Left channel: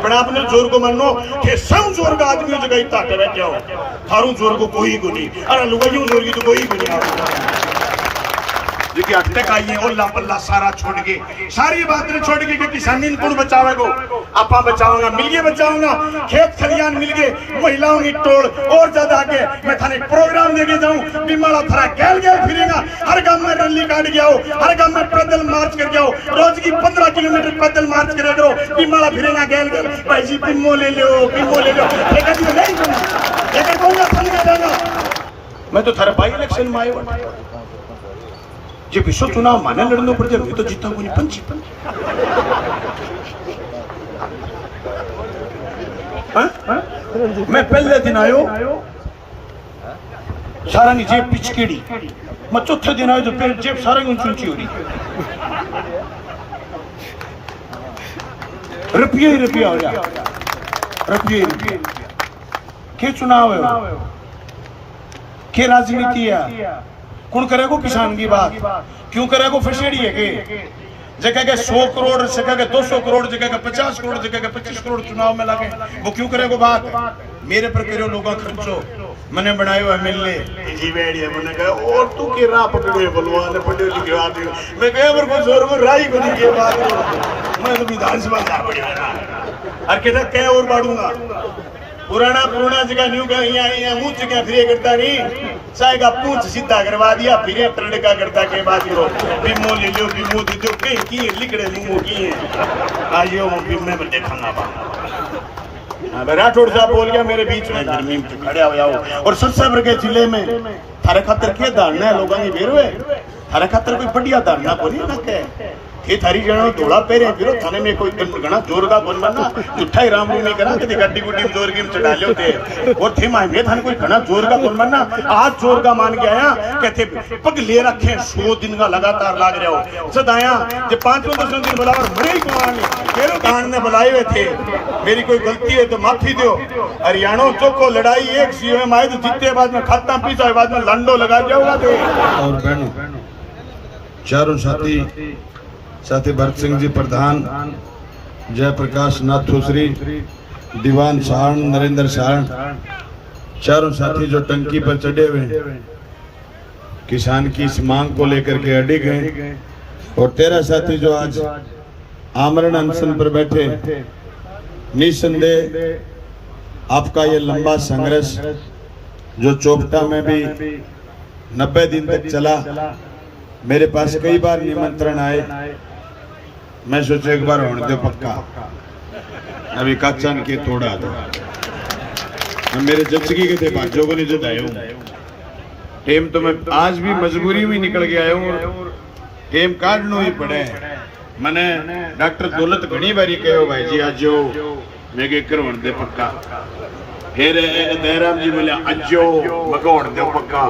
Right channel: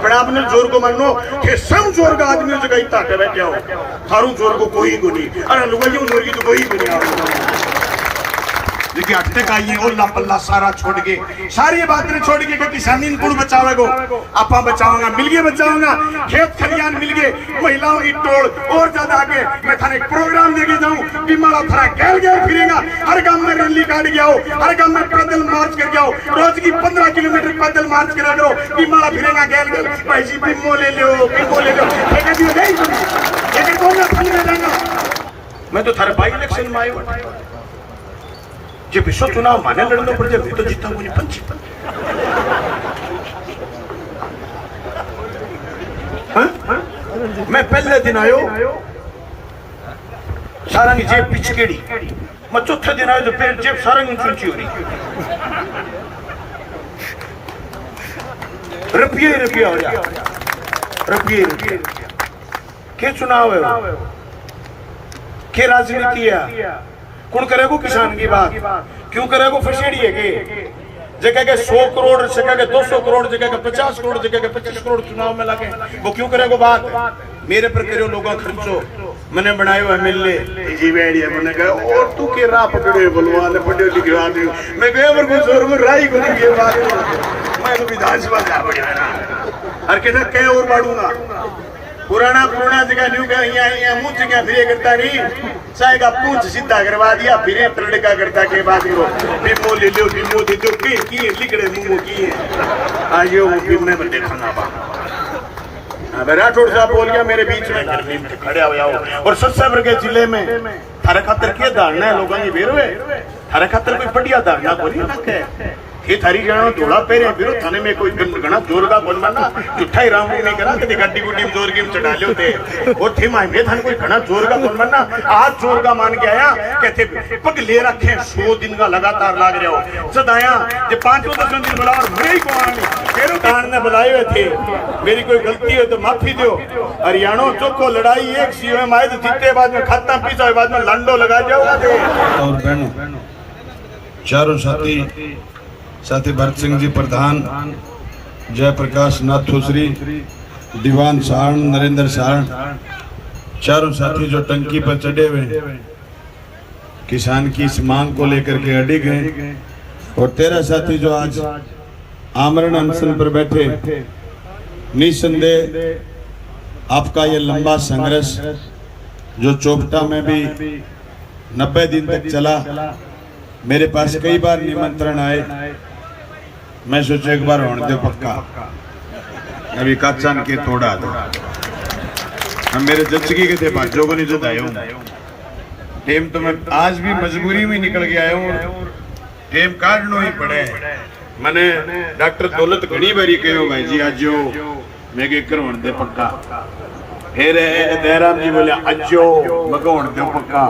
अपने अपने जोर को मानो कि सब जोर का आदमी जगह ताकत बैठे हो थारू जोर को कोई को नहीं अरे लुगाइयों जोर की तो कोई को नहीं क्योंकि अटक आई है ओला पल्ला सारा छोड़ के सारी बातें छोड़ के किसानी कुल बचावेगो आपा बचाऊंगा मिल गए बचाऊंगा खेत खलियान मिल गए महिलाओं की टोल और ज्यादा आगे मैं थाने प्रोग्राम देके जाऊं बीमारा थारा गैल गैल फिरेगा हर गांव में रैली काट के आओ हर गांव में पैदल मार्च करके आओ रोज की 15 किलोमीटर पैदल मार्च करा करो बीमारा फिरेगा गैल गैल भाई जी बिम्मो ले लो नहीं जगह दूंगा समझ रहेगा मैं तो थारा बाई इलेक्शन में आयो जो पिछो चुनाव माने लड़ना पड़ जाए तो जीता को नहीं पंच मैं पहले दिन आयो सारा की जेब पिचकेड़ी मैं चौथे दिन आयो जो जेब सारा ऊंची ऊंची हो रही रुपया ही रुपया हो गया रुपये के चुनाव है के राजनीति है कौन करेगा किसान की बात क्यों करेगा फसीड़ी है के जगह के 100 करोड़ जगह के 200 करोड़ जगह के 50 करोड़ जगह के 25 करोड़ चुनाव में लगे वो क्यों करेगा बात मेरे पर करो लोगों खर्चो मैंने बनाए हुए मिलने जी बैठिया मैंने कहा और तू के राह पकड़े बलवान पढ़े लिखे आदमी मैं कहा और कुछ और को राई को नहीं के बात मैं तो विधानसभा जा पड़ा ना हर के ना कह और बढ़ूंगा पुराना जगह न्यू का यहाँ मुंह जगह फिरे करता नहीं चाहे का पूंछ सीधा करवा दिया फिरे प्रणिका करता के बाद को बिम्मो ले लो बिम्मो तो जो की लिखड़े मुंह की है आयो बिम्मे में देखा ना राठौड़ साहब बोल गया मेरे बीच में गर्मी में खड़े हो जाओ और सत्सावर के जिले में थारे खातर के धारणा है लोगों की बेरो है थारे खातर कोई बढ़िया धारणा बोली ना के थे थारी जानो थोड़ा पहले फिर थाने में कोई घना जोर का बोल बनना मिठाई राउंड नहीं करा कभी गड्डी गुड्डी जोर की चढ़ा लियो थे और थे माय में थाने कोई घना जोर का बोल बनना आज जोर का मान के आया कहते पग ले रखे 100 दिन का लगातार लाग रहे हो सद आया जे 5-10 दिन बुला और मेरे ही को आनी फिर कान ने बुलाए हुए थे मेरी कोई गलती हो तो माफी दो हरियाणा चौको लड़ाई एक सीओ में आए तो जीते बाद में खाता पीछा बाद में लंडो लगा जाओगा थे और बहनों चारों साथी भरत सिंह जी प्रधान जयप्रकाश नाथोश्री दीवान साहण नरेंद्र साहण चारों साथी जो टंकी पर चढ़े हुए किसान की इस मांग को लेकर के अड़े गए और 13 साथी जो आज आमरण अनशन पर बैठे निसंदेह आपका ये लंबा संघर्ष जो चोपटा में भी 90 दिन तक चला मेरे पास कई बार निमंत्रण आए मैं सोचा एक बार होने दे पक्का अभी कच्चन के तोड़ा दो हम मेरे जच्ची के थे बाजों को नहीं जो दाए टेम तो मैं आज भी मजबूरी में निकल के आया हूँ टेम काटना ही पड़े मैंने डॉक्टर दौलत घनी बारी कहो भाई जी आज जो मैं के कर होने दे पक्का फिर दयाराम जी बोले अजो मैं को होने दे पक्का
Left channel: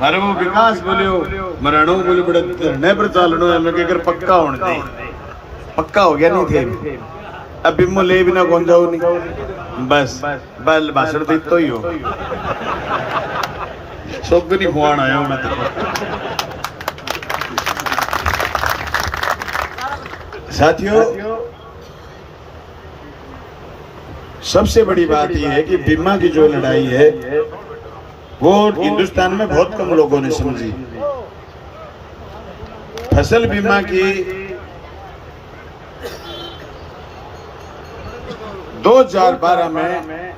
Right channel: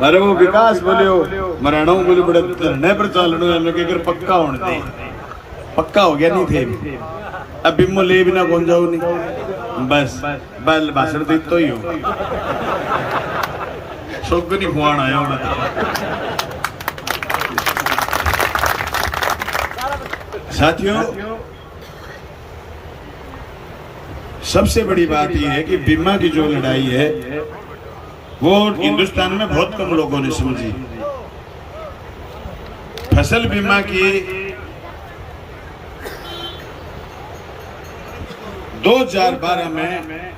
मारे वो विकास बोलियो मराणो बोली बड़ा धरने पर चालनो है मैं के कर पक्का होने दे पक्का हो गया नहीं थे अब बिम्मो ले बिना कौन जाओ नहीं बस बल भाषण भी तो ही हो सब नहीं खुआन आया मैं साथियों सबसे बड़ी बात यह है कि बीमा की जो लड़ाई है वो हिंदुस्तान में बहुत कम लोगों ने समझी फसल बीमा की 2012 में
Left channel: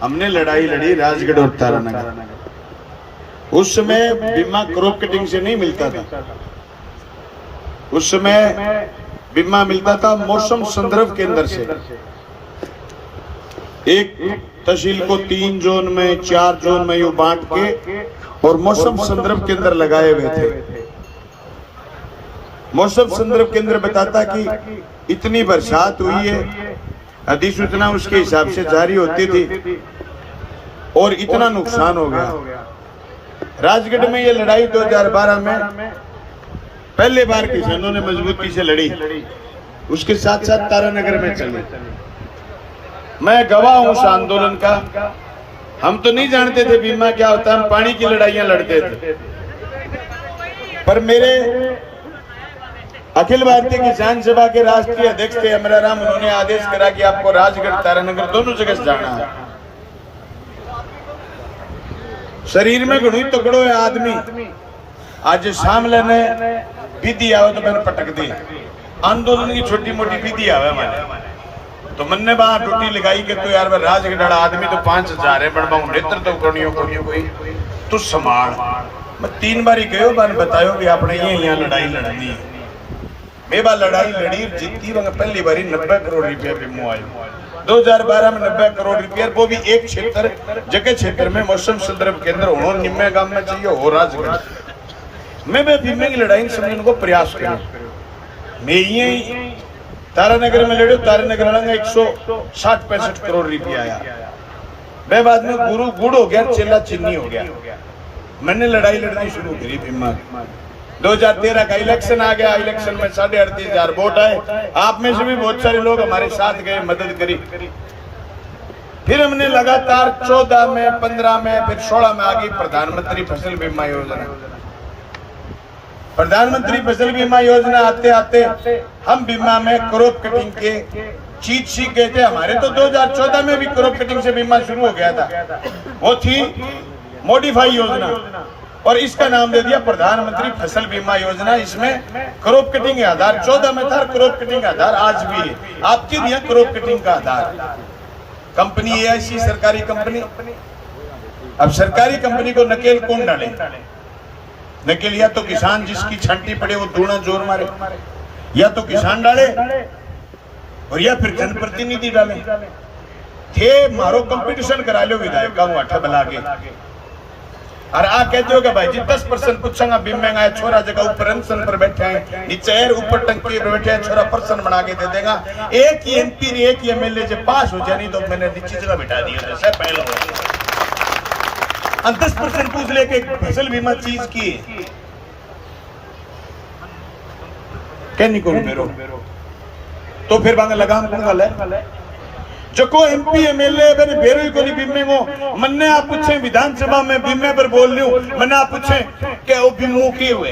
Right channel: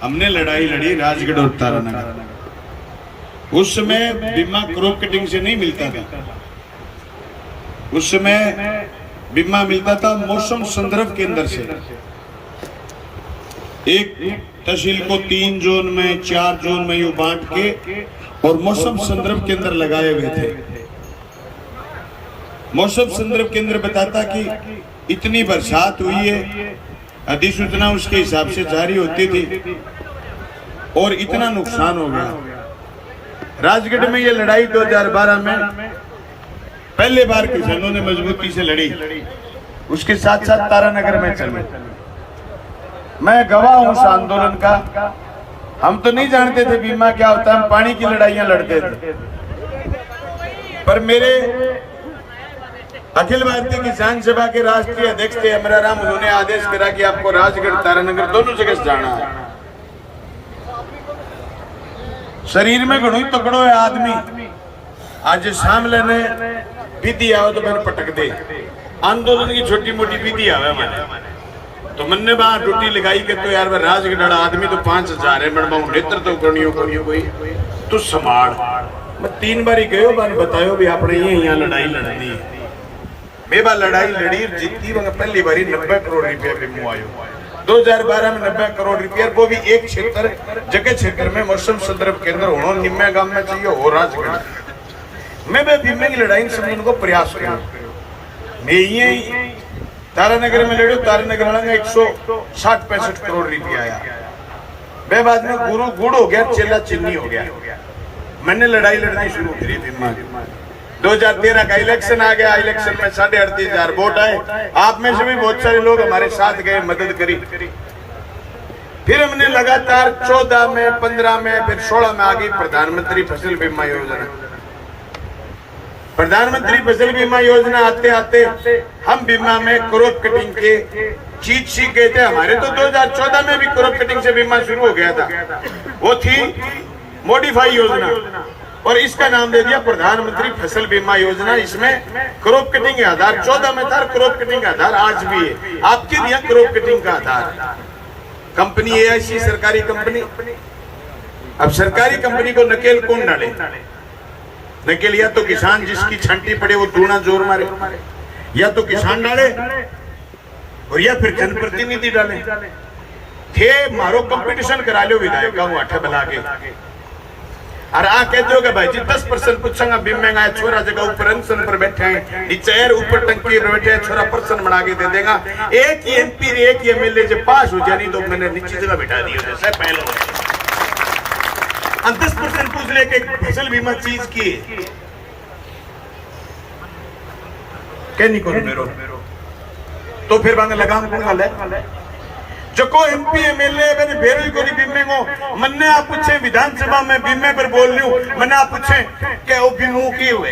हमने लड़ाई लड़ी राजगढ़ और तारानगर उस समय बीमा क्रॉप कटिंग से नहीं मिलता था उस समय बीमा मिलता था मौसम संदर्भ केंद्र से एक तहसील को 3 जोन में 4 जोन में यूं बांट के और मौसम संदर्भ केंद्र लगाए हुए थे मौसम संदर्भ केंद्र बताता कि इतनी बरसात हुई है अधिसूचना उसके हिसाब से जारी होती थी और इतना नुकसान हो गया राजगढ़ में ये लड़ाई 2012 में पहले बार किसानों ने मजबूती से लड़ी उसके साथ साथ तारानगर में चले मैं गवाह हूं उस आंदोलन का हम तो नहीं जानते थे बीमा क्या होता है हम पानी की लड़ाइयां लड़ते थे पर मेरे अखिल भारतीय किसान सभा के राष्ट्रीय अध्यक्ष थे अमराराम, उन्होंने आदेश करा कि आपको राजगढ़ तारानगर दोनों जगह से जाना है। शरीर में घणो तकड़ो है आदमी, आज सामने ने विधि आओ तो मैंने पटक दे। आंदोलन की छोटी मोटी विधि आवे मैंने तो मन्ने बाहर ड्यूटी लगाई के तो यार राजगढ़ आदमी तो 5000 है, मैं नेतृत्व करनी कोई तो संभाल। मैं 3 बार ही गयो, मैंने बतायो भी आपने ये यहाँ लड़ाई लड़नी है। मैं बा लड़ाई लड़ी जीती, वह पहली बारी 90 करोड़ रुपया बीमो आयो। 2012 में 90 करोड़ रुपया, वो भी एक क्षेत्र जगह क्षेत्र में मौसम संदर्भ केंद्र हो निम्मे गांव में चाहिए हो राजगढ़। मैं बीमे की लड़ाई समझने को प्रयास करूं। मैं ये तारानगर में लड़ो, तारानगर वाला 160-65 करोड़ रुपया आया। मैं बाद में गुरु गुड़ हो गया, चेला चिन्नी हो गया। मैंने लड़ाई लड़नी शुरू करी बीमा। 2013 का इलेक्शन आ गया, इलेक्शन में 38,500 वोट आए। आप में से भी बहुत सारे लोग हमारे साथ गए, मदद करी। फिर हमने लगातार 14 में, 15 में, फिर 16 में आ गई प्रधानमंत्री फसल बीमा योजना। प्रधानमंत्री फसल बीमा योजना आते आते हम बीमा में क्रॉप कटिंग के चीज सीख गए थे। हमारे तो 2014 में भी क्रॉप कटिंग से बीमा शुरू हो गया था। वो थी मॉडिफाई योजना और इसका नाम दे दिया प्रधानमंत्री फसल बीमा योजना। इसमें क्रॉप कटिंग का आधार 14 में था, क्रॉप कटिंग का आधार आज भी है। आपके दिया क्रॉप कटिंग का आधार कंपनी AIC सरकारी कंपनी। अब सरकारी कंपनी को नकेल कौन डाले? नकेल या तो किसान जिसकी छंटी पड़े वो दूना जोर मारे, या तो किसान डाले और या फिर जनप्रतिनिधि डाले। थे मारो कंपटीशन करा लो विधायक का अठे बना के और आ कहते हो कि भाई जी 10% पूछेंगे बीमे का छोरा जगह ऊपर अनशन पर बैठे हैं, नीचे ऊपर टंकी पर बैठे हैं, छोरा पर्सन बना के दे देगा। एक ही MP एक ही MLA जब पास हो जानी तो मैंने नीचे जगह बैठा दी जैसे पहले हुआ। 10% पूछ ले के फसल बीमा चीज की कहनी को मेरो तो फिर बांगे लगाम कौन है जो को MP MLA मैंने बेरोई को नहीं बीमे को मन्ने आप पूछे विधानसभा में बीमे पर बोल रही हूँ। मैंने आप पूछे कि वो बीमो के हुए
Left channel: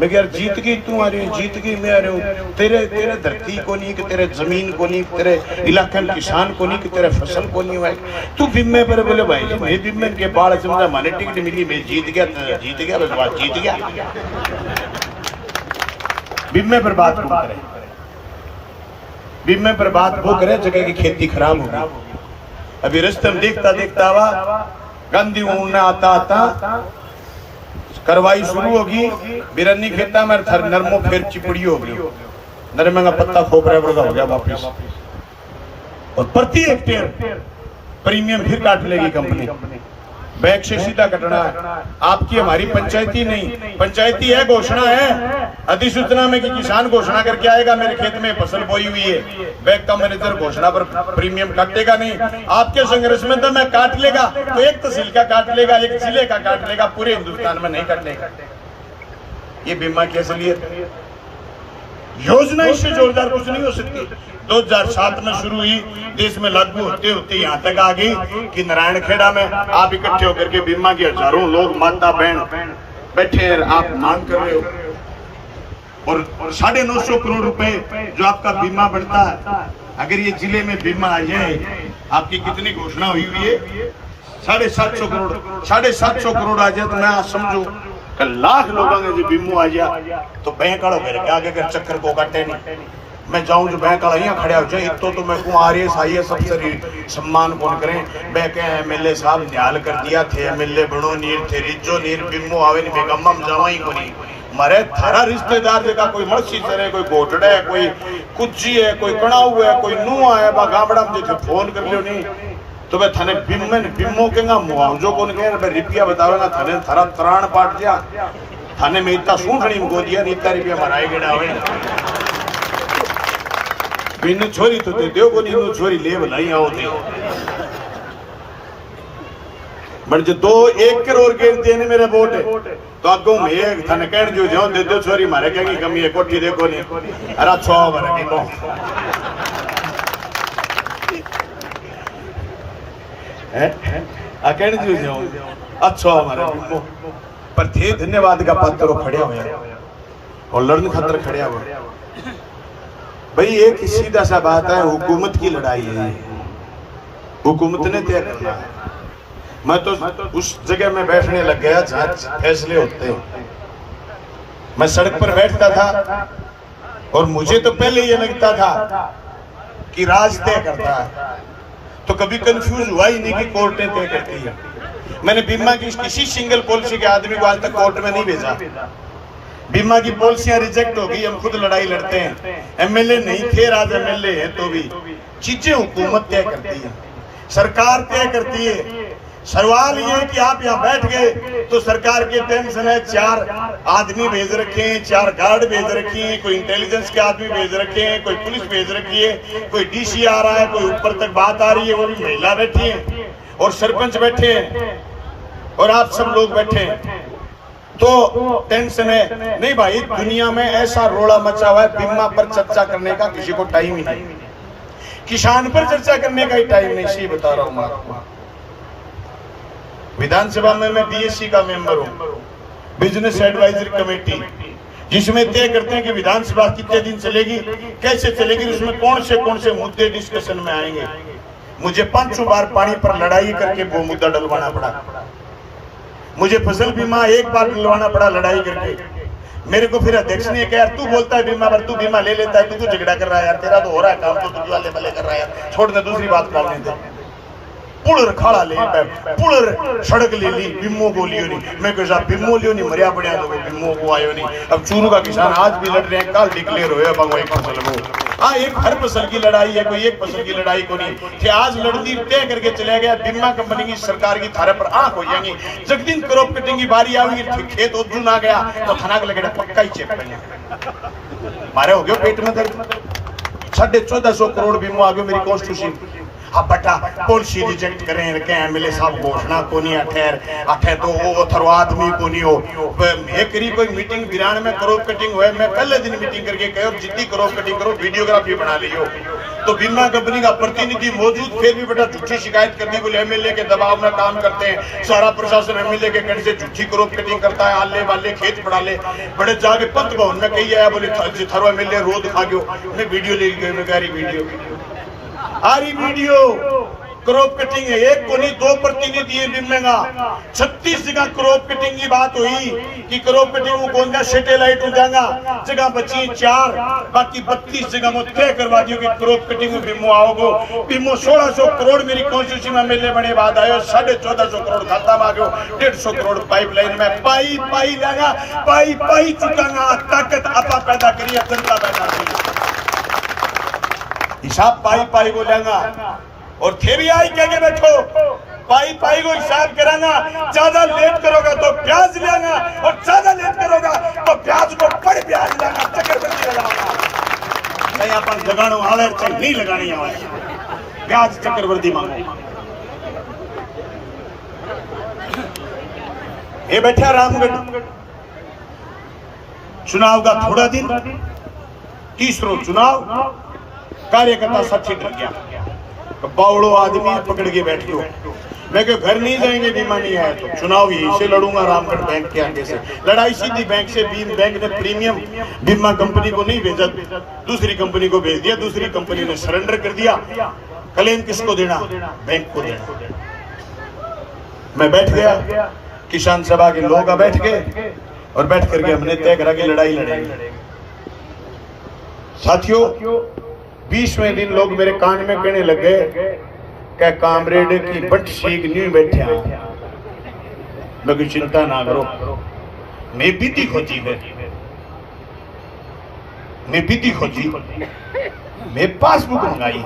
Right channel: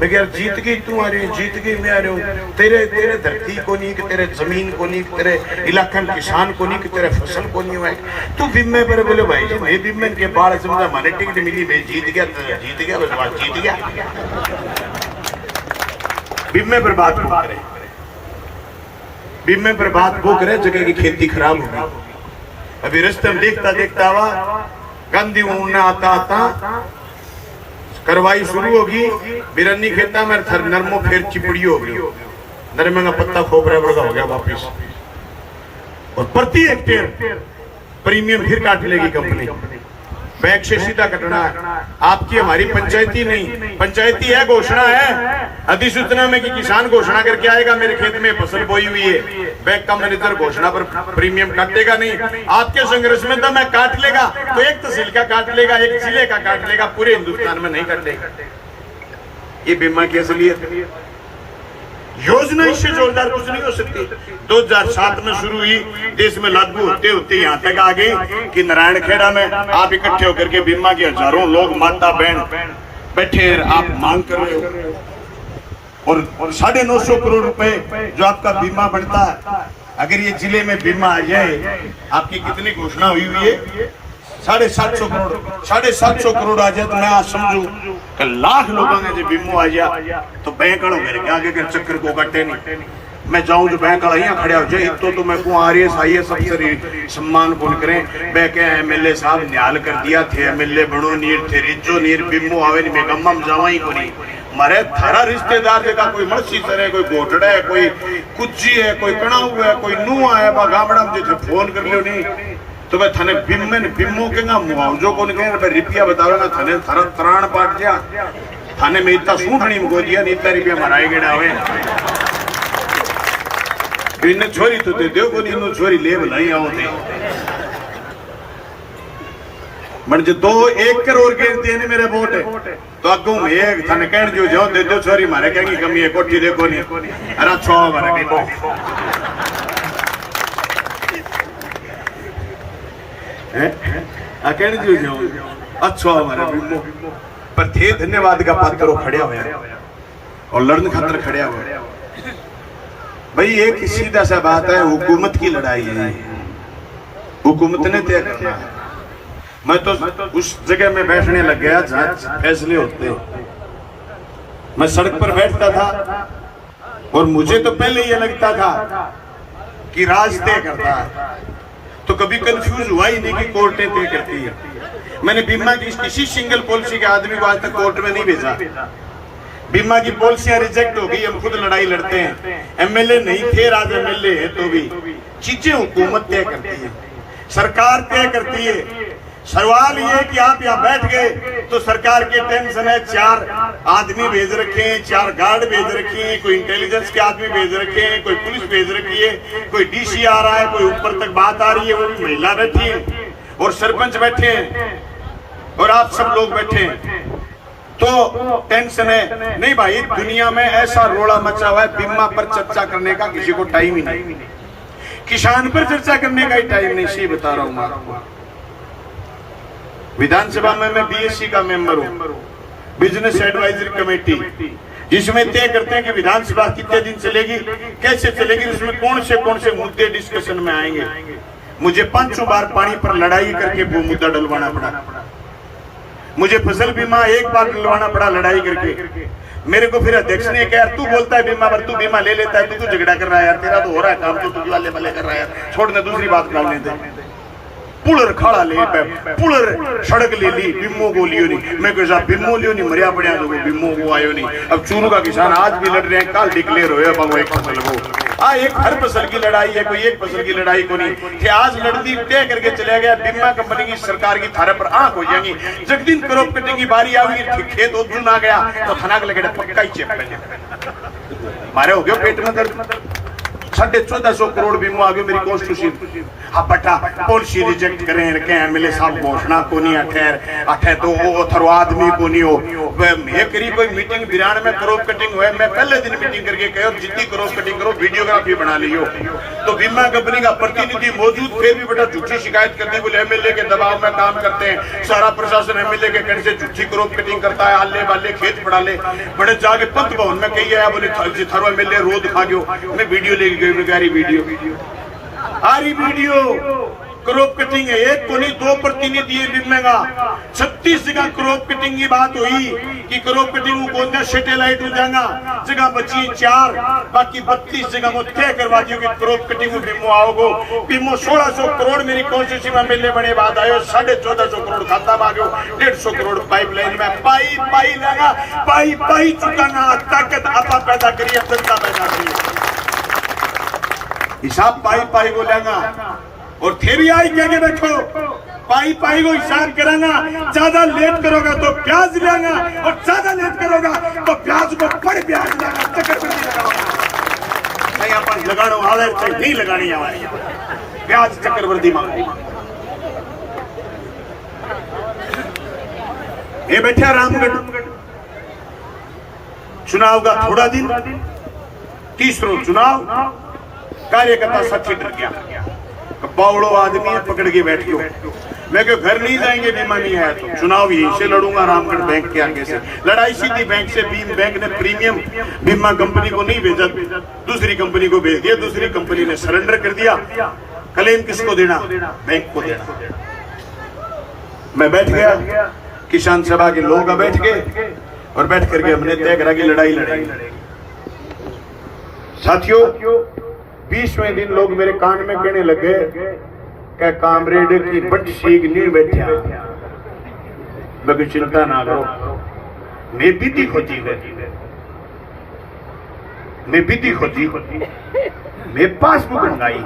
मैं यार जीत गई तू आ रही है, जीत गई मैं आ रही हूँ। तेरे धरती को नहीं कि तेरे जमीन को नहीं कि तेरे इलाके में किसान को नहीं कि तेरे फसल को नहीं हुआ तू बीमे पर बोले भाई जी मैं बीमे के बाढ़ समझा माने टिकट मिली मैं जीत गया बस बात जीत गया। बीमे पर बात वो करे, बीमे पर बात वो करे जगह की खेती खराब होगी। अभी रास्ते में देखता देखता हुआ गांधी उड़ना आता आता कार्रवाई शुरू होगी। बिरन्नी खेता में थर नरमो फिर चिपड़ी होगी, नरमे का पत्ता खोपरा वर्गा हो गया वापिस और प्रति हेक्टेयर प्रीमियम फिर काट लेगी कंपनी। बैग से सीधा कटना है। आपकी हमारी पंचायती नहीं, पंचायती है घोषणा है अधिसूचना में कि किसान घोषणा करके आएगा मेरे खेत में फसल बोई हुई है, बैंक का मैनेजर घोषणा पर प्रीमियम काटेगा नहीं। आपके संघर्ष में तो मैं काट लेगा तो एक तहसील का काट लेगा, एक जिले का काट लेगा, पूरे हिंदुस्तान में नहीं काटेगा। ये बीमा की असलियत योजना इससे जोरदार कुछ नहीं हो सकती। 2007 में शुरू हुई, देश में लागू होते होते यहाँ तक आ गई कि नारायण खेड़ा में आप इकट्ठे होकर के बीमा के हजारों लोग माता बहन बैठे हैं, आप मांग कर रहे हो और 950 करोड़ रुपए जो आपका बीमा बनता है। अगर ये जिले में बीमा आ जाए, आपकी कितनी घोषणा हुई है 750 करोड़, 750 करोड़ आ जाए तो मैं समझू कि लाख लोगों ने जो बीमो आ जाए तो बैंक वालों मेरे आगे के चक्कर को काटे नहीं। मैं जाऊं जो बैंक वाला यहाँ खड़े हो जाए तो मैं को RS IAS अफसर सम्मान कौन करें। बैंक MLA साहब न्याल कर दिया थे, MLA बनो नीर थे रिजो नीर बीमो आवे नहीं, मैं गम्मम जावा ही को नहीं। मारे थारा रिश्तेदार देखा कोई मर्सी सरे, कोई गोटड़ा है, कोई कुच्ची है, कोई कणाऊ है, कोई नूह है, गामड़ा में जो फोन कर लियो नहीं तो मैं थाने बिम्मो के मुआवजो को नहीं रुपया बतावे थाने थारा त्राण पाट दिया थाने में इतना सूखड़ी में गो दिया इतना रुपया मराए गए इन छोरी तो दे को नहीं छोरी ले भलाई आओ थे म्हणजे 1 करोड़ गेर दिए मेरे वोट तो अगो में एक थाने कहन जो जाओ दे दो छोरी मारे क्या कमी है कोठी देखो नहीं अरे छो मारे को कहने जो जाओ अच्छा हमारे पर थे धन्यवाद का पात्र खड़े हुए और लड़न खातर खड़े हुआ। भाई एक सीधा सा बात है, हुकूमत की लड़ाई है, हुकूमत ने तय करना है। मैं तो उस जगह में बैठने लग गया जहां फैसले होते हैं। मैं सड़क पर बैठता था और मुझे तो पहले ये लगता था कि राज तय करता है, तो कभी कंफ्यूज हुआ ही नहीं कि कोर्ट ने तय करती है। मैंने बीमा की किसी सिंगल पॉलिसी के आदमी को आज तक कोर्ट में नहीं भेजा। बीमा की पॉलिसियां रिजेक्ट हो गई, हम खुद लड़ाई लड़ते हैं। एमएलए नहीं थे, आज एमएलए है, तो भी चीजें हुकूमत तय करती है, सरकार तय करती है। सवाल ये है कि आप यहाँ बैठ गए तो सरकार के टेंशन है, 4 आदमी भेज रखे हैं, 4 गार्ड भेज रखे हैं, कोई इंटेलिजेंस के आदमी भेज रखे हैं, कोई पुलिस भेज रखी है, कोई डीसी आ रहा है, कोई ऊपर तक बात आ रही है, वो भी महिला बैठी है और सरपंच बैठे हैं और आप सब लोग बैठे हैं, तो टेंशन है। नहीं भाई, दुनिया में ऐसा रोड़ा मचा हुआ है, बीमा पर चर्चा करने का किसी को टाइम ही नहीं, किसान पर चर्चा करने का ही टाइम नहीं। सही बता रहा हूं मैं आपको। विधानसभा में मैं बीएससी का मेंबर हूं, बिजनेस एडवाइजरी कमेटी, जिसमें तय करते हैं कि विधानसभा कितने दिन चलेगी, कैसे चलेगी, उसमें कौन से मुद्दे डिस्कशन में आएंगे। मुझे 5 बार पानी पर लड़ाई करके वो मुद्दा डलवाना पड़ा। मुझे फसल बीमा 1 बार डलवाना पड़ा लड़ाई करके। मेरे को फिर अध्यक्ष ने कहा, तू बोलता है बीमा पर, तू बीमा ले लेता है, तू झगड़ा कर रहा है यार, तेरा तो हो रहा है काम, तो तू वाले वाले कर रहा है, छोड़ने दूसरी बात बोलने दे। पुलर खाड़ा ले, पुलर सड़क ले ली, बिम्मो को लियो नहीं। मैं कह साहब बिम्मो लियो नहीं, मरिया पड़िया तो बिम्मो को आयो नहीं। अब चूरू का किसान आज भी लड़ रहे हैं, कल डिक्लेयर हुए अब एक फसल को। हाँ, एक हर फसल की लड़ाई है, कोई एक फसल की लड़ाई को नहीं कि आज लड़ती तय करके चले गया। बीमा कंपनी की, सरकार की थारे पर आंख हो जाएंगी। जब दिन क्रॉप कटिंग की बारी आएगी, खेत उद्दू ना गया तो थनाक लगे पक्का ही चेक करने मारे हो गए पेट में दर्द। 1450 करोड़ बीमा आ गया मेरी कॉन्स्टिट्यूशन। अब बटा पॉलिसी रिजेक्ट करें रखे एमएलए साहब घोषणा को नहीं अठे तो वो थरो आदमी को नहीं हो। ये करी कोई मीटिंग बिरान में क्रॉप कटिंग हुए, मैं पहले दिन मीटिंग करके कहो जितनी क्रॉप कटिंग करो वीडियोग्राफी बना लियो। तो बीमा कंपनी का प्रतिनिधि मौजूद, फिर भी बेटा झूठी शिकायत कर दी, बोले एमएलए के दबाव में काम करते हैं, सारा प्रशासन एमएलए के कहने से झूठी क्रॉप कटिंग करता है, आले वाले खेत पड़ा ले। बड़े जाके पंत भवन में कही आया, बोले थारो एमएलए रोड खा गयो। मैं वीडियो लेके गई, मैं गारी वीडियो आ रही वीडियो क्रॉप कटिंग है। 1 को नहीं 2 प्रतिनिधि बिमेगा 36 जगह क्रॉप कटिंग की बात हुई कि क्रॉप कटिंग कौन सा सैटेलाइट हो जाएगा, जगह बची 4, बाकी 32 जगह को तय करवा दियो कि क्रॉप कटिंग बिमो आओगो। बिमो 1600 करोड़ मेरी कॉन्स्टिट्यूशन में मिलने बने बात आयो, 1450 करोड़ खाता में आ गयो, 150 करोड़ पाइपलाइन में पाई जाएगा, पाई चुकाना। ताकत आपा पैदा करिए, जनता पैदा करिए, हिसाब पाई को लेगा। और थे भी आई कह के बैठो, पाई को हिसाब करांगा। ज्यादा लेट करोगा तो ब्याज लेगा, और ज्यादा लेट करोगा तो ब्याज को बड़ ब्याज लगा चक्रवृद्धि लगाऊंगा। भाई अपन लगाने वाले चाहे नहीं लगाने वाले, ब्याज चक्रवृद्धि मांगो। ये बैठे रामगढ़, चुनाव का थोड़ा दिन, 30 चुनाव, कार्यकर्ता सच्ची डर गया। बावड़ो आदमी पकड़ के बैठ गयो। मैं क्यों घर नहीं जाएंगे, बीमा नहीं है तो चुनाव यहीं से लड़ूंगा रामगढ़ बैंक के आगे से। लड़ाई सीधी बैंक से। बीम बैंक ने प्रीमियम बीमा कंपनी को नहीं भेजा, दूसरी कंपनी को भेज दिया, दूसरी कंपनी ने सरेंडर कर दिया। क्लेम किसको देना? बैंक को देना। मैं बैठ गया, किसान सभा के लोग बैठ गए और बैठ करके हमने तय करा कि लड़ाई लड़ेंगे। साथियों, 20वें दिन लोग मेरे कान में कहने लगे क्या कामरेड की बट सीख नहीं बैठा, बगैर चिंता ना करो, मैं बीती खोजी है, मैं बीती खोजी, मैं पासबुक मंगाई।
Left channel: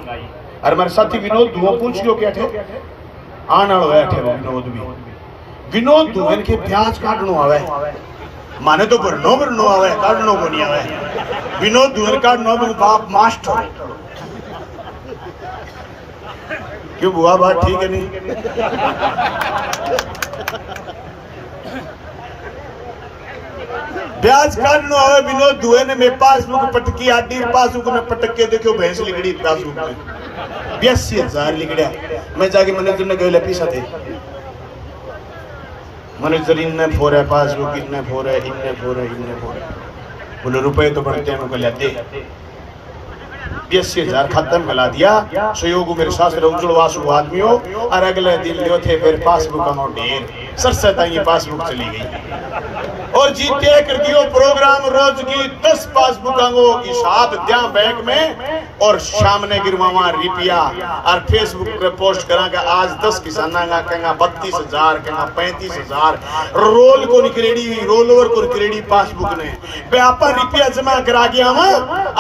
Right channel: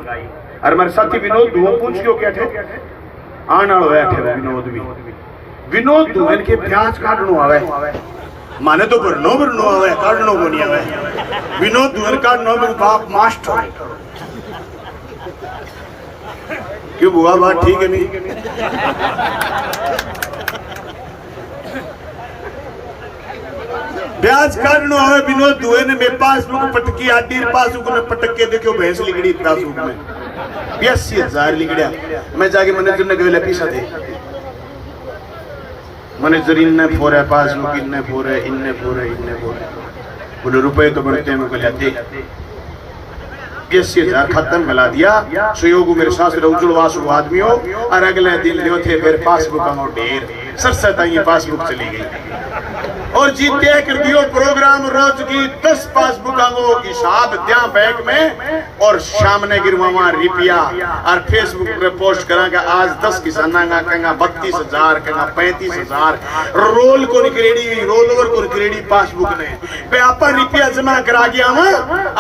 और हमारे साथी विनोद दुआ पूछियो क्या थे आने वाले थे। विनोद दुआ के प्याज काटनो आवे, माने तो भरनो आवे, काटनो को नहीं आवे। विनोद दुआ काटनो तो बाप मास्टर क्यों हुआ, बात ठीक है नहीं? ब्याज काटनो आवे विनोद दुए ने मेरे पासबुक पटकी, आडी पासबुक में पटक के देखो भैंस लिखड़ी पासबुक में 82,000 लिखड़िया। मैं जाके मैनेजर ने कहला पैसा दे, मैनेजर इन्ने फोर है पासबुक, इन्ने फोर है, इन्ने फोर है, इन्ने फोर है। बोले रुपए तो गणते में कल दे 80,000 खाते में मिला दिया। सुयोग मेरे सास उज्जवलवास आदमी हो और अगले दिन लियो थे फिर पासबुक का ढेर सरसता ये पासबुक चली गई और जीते कर दियो प्रोग्राम रोज की 10 पासबुकों की हिसाब दिया बैंक में और शाम ने गिरवावा रुपया और फेसबुक पे पोस्ट करा कि आज 10 किसाना का कहना 32,000 कहना 35,000 रोल को निकलेडी रोल ओवर को निकलेडी पासबुक ने बे आपा रुपया जमा करा गया हम